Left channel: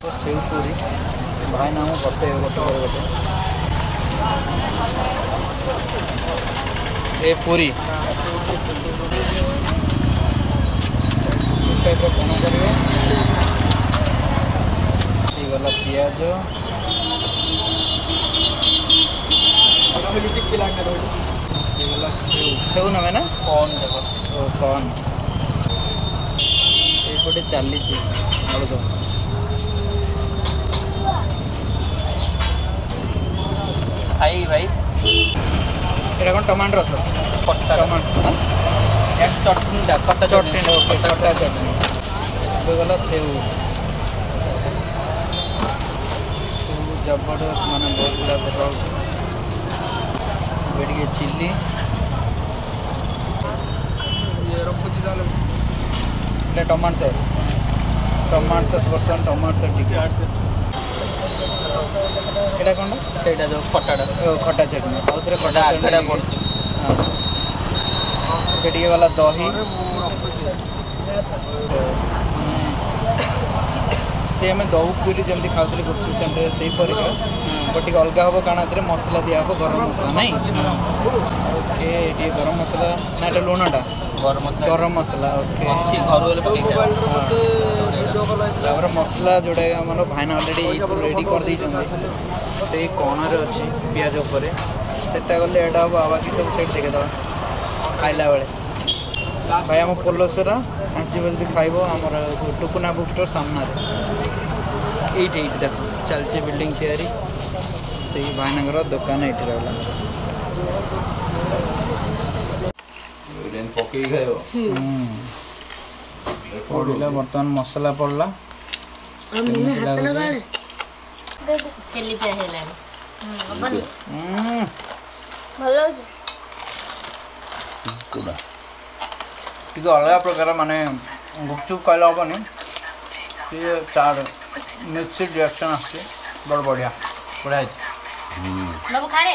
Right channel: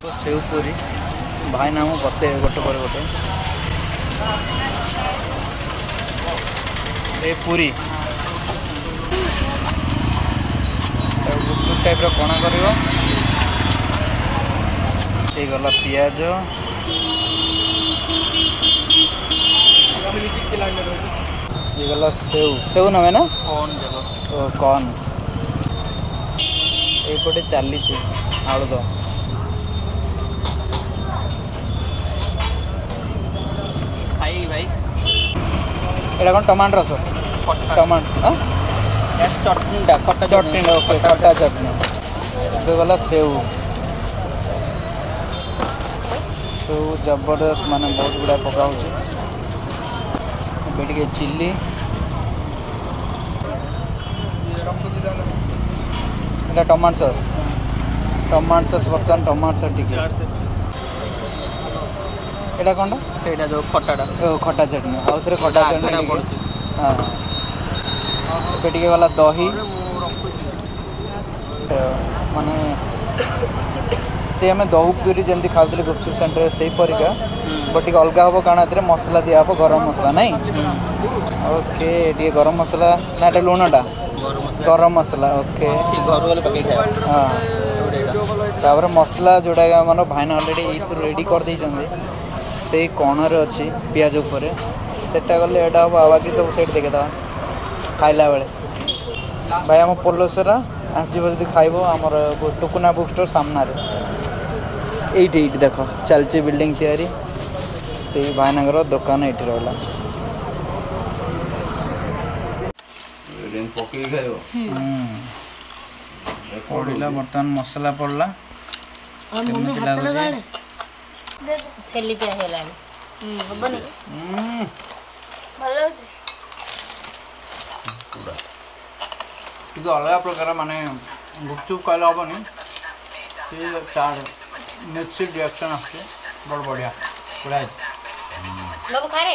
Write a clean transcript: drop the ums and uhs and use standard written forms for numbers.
तो सेव पूरी भाई नाम बते गोटे पर गोटे ए पूरी गुपचुप टाइप कणा कर गला पियाज गला सेव सेव नवे ना कौन देखो कौन ये चली आलू दम खाई भाई এটা কোন টমেটো রস টমেটো হ্যাঁ চটনিটা খটা চটনি ওকে খটা চটনি এটা গলা সেউ সেউ জবরদস্ত মানে বহুত গুড়া পকা হচ্ছে বেরিয়ে চিলি এটা টমেটো সস বর্তমান টমেটো সস টিকে এটা কোনটা সেটা जो খটাটা ও খটা চটনি আর থরে খটা চটনি পড়ছে হ্যাঁ এটা টিকে वाला দহি মানে সে আমি দহি পুরি যেমতি খাওতলে গুপচুপ সেন্টার সেই পরিকা বট টিকে অলগা হবো কারণ এতে মশলা দিয়া হবো গরম মশলা নাই ওকে টিকে গরম মশলা না এটা লুণটা गरम मसला ओके घर वाले पकई हां तापर मसला जोड़ा हमर भाईना ऑलरेडी रेडी कर दै छन से कोनर अछि पियाज ऊपर सेटा गले एडा आवाज सब सेट देखे दवा खाइला बेले भाई हम पोलोसरा आज जल्दी खाइबो हमर टुकुना बुक स्टोर सामना रे 88 देखो चलची बिल्डिंग थियरी से भाईनागर दुकान एठी रहला पकई खाइबो पड़ला बर्तमान मसला पड़ला केମିତି ଲାଗୁଛି ସେଲି ପିଆ ହେଲାଣି ଭଲ ଲାଗୁଛି ଟିକେ ଅଲଗା ପ୍ରକାର ମାନେ ଗୁପଚୁପ କହିଲେ ହବନି ସିଏ ଚାର ମିକ୍ସ ରିଆକ୍ସନ୍ ଆସୁଛି ବଡ଼ ବଢ଼ିଆ ବଢ଼ିଆ ହେଇଛି ବାବୁ ଖାରେ